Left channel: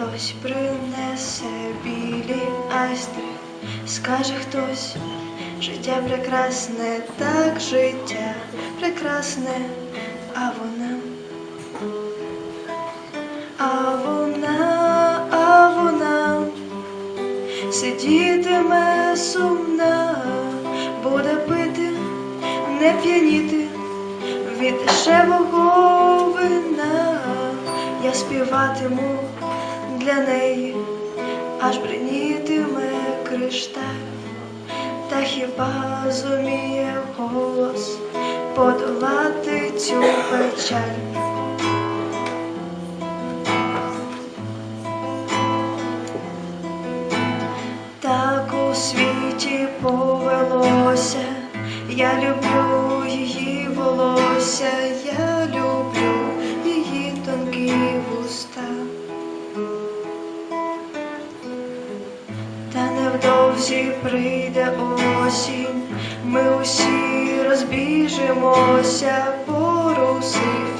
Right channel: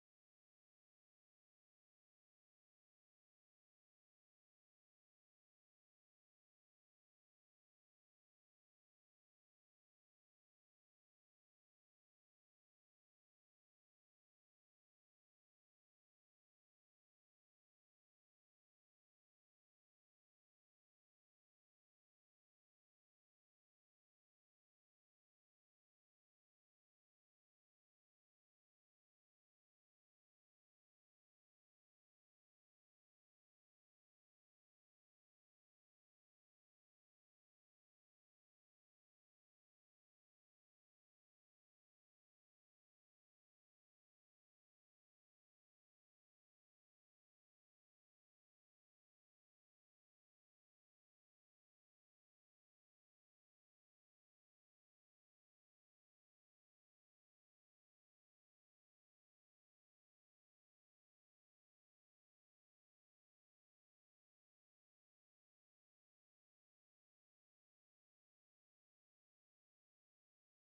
Хтось принесе білі айстри, скаже хтось, життя прекрасне, так життя прекрасне, а вона. А вона, а вона сидітиме сумна, буде пити, не п'яніти від дешевого вина. Я співатиму для неї, аж бринітиме кришталь, та хіба зуміє голос подолати цю печаль? Невдовзі прийде осінь, ми усі розбіжимося по русифікованих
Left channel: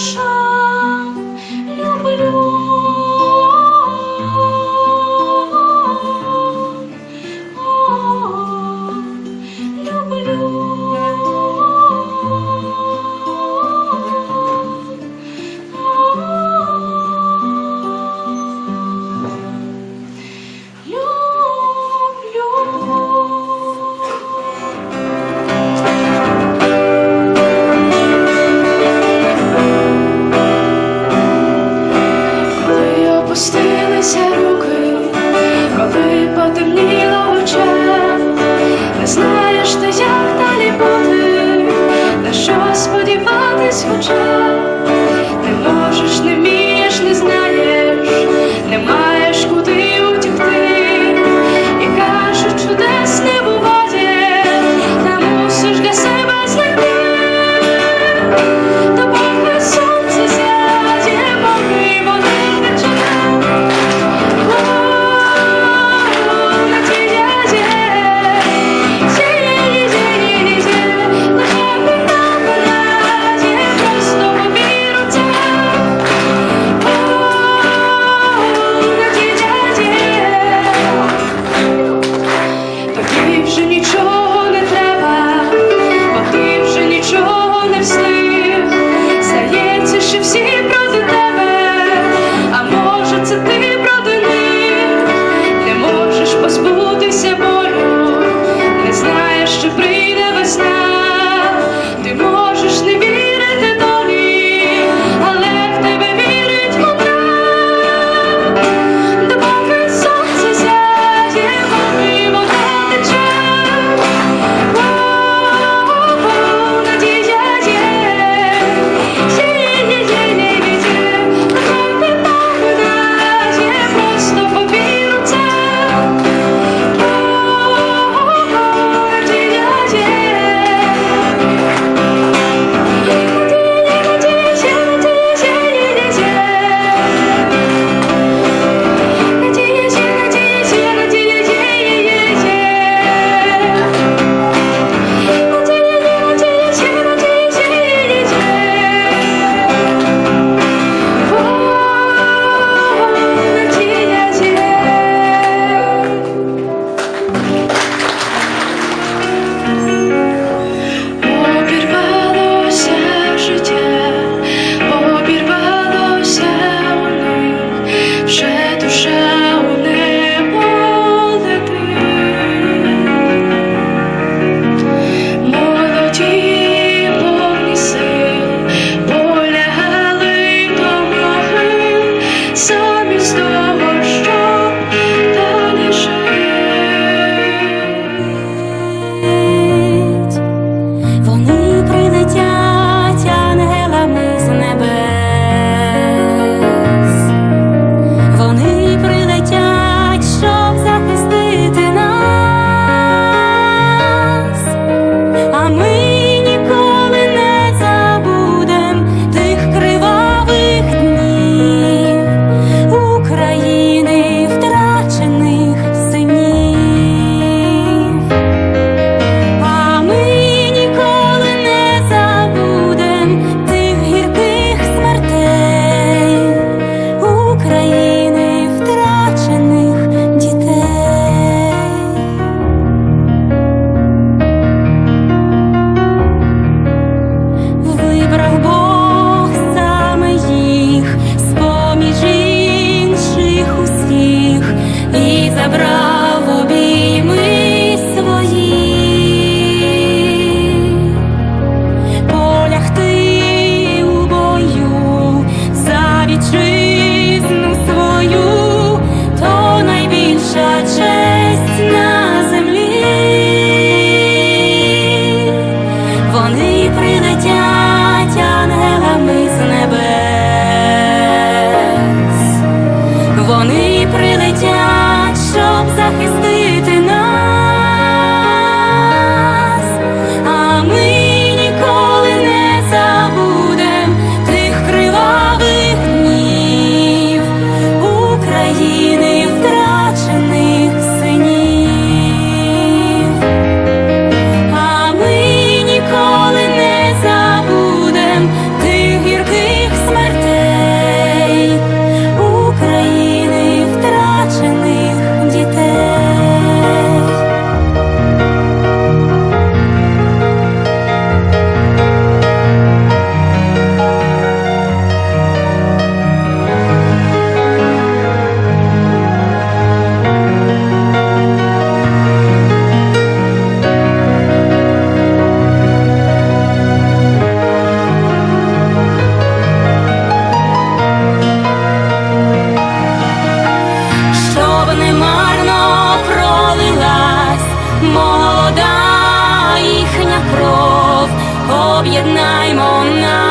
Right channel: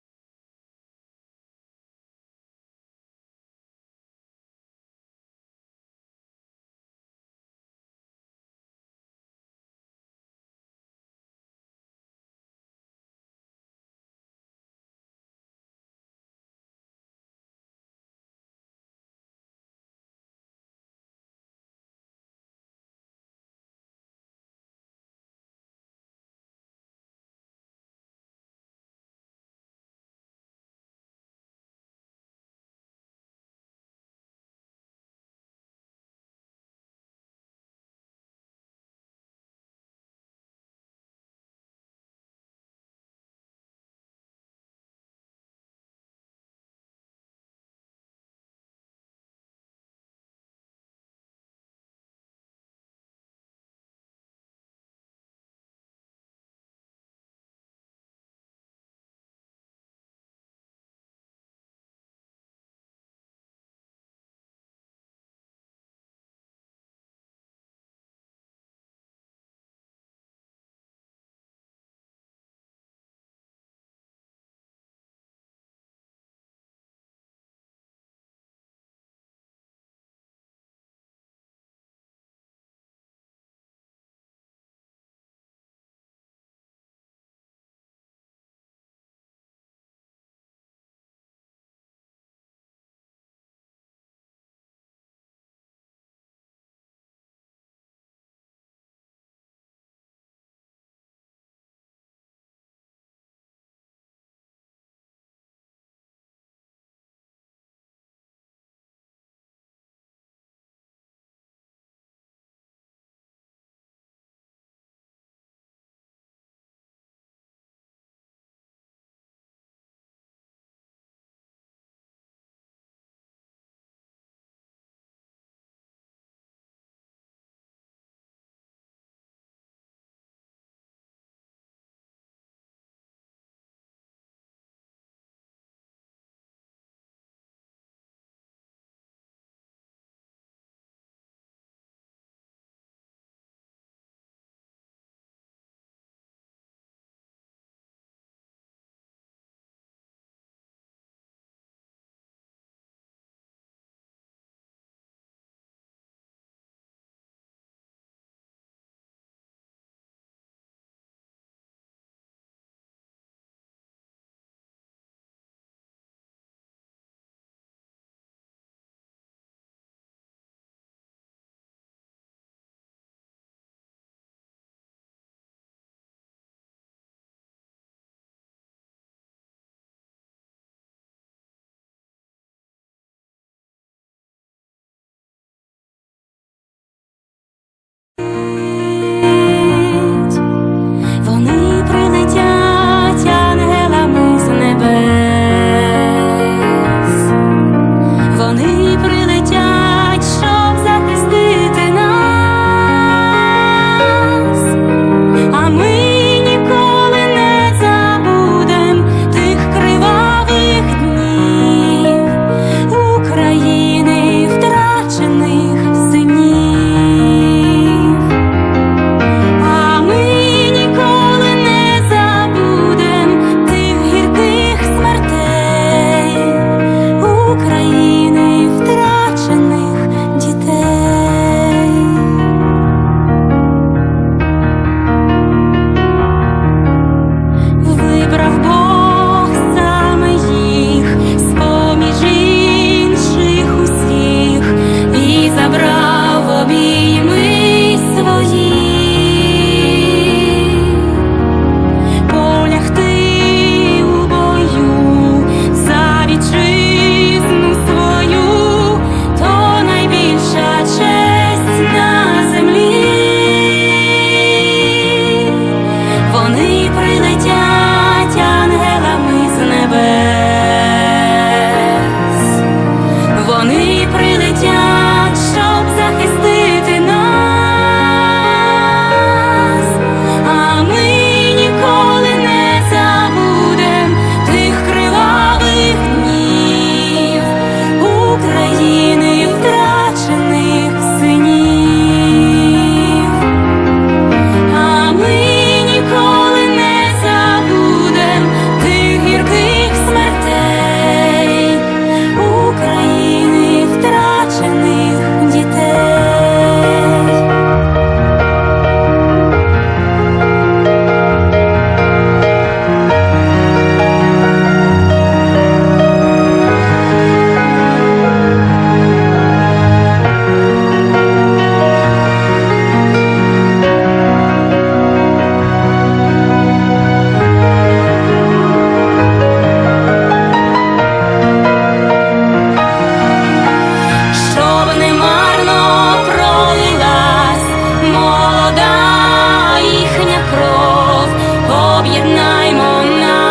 shine. is your joy. tree об'єднаймо нас.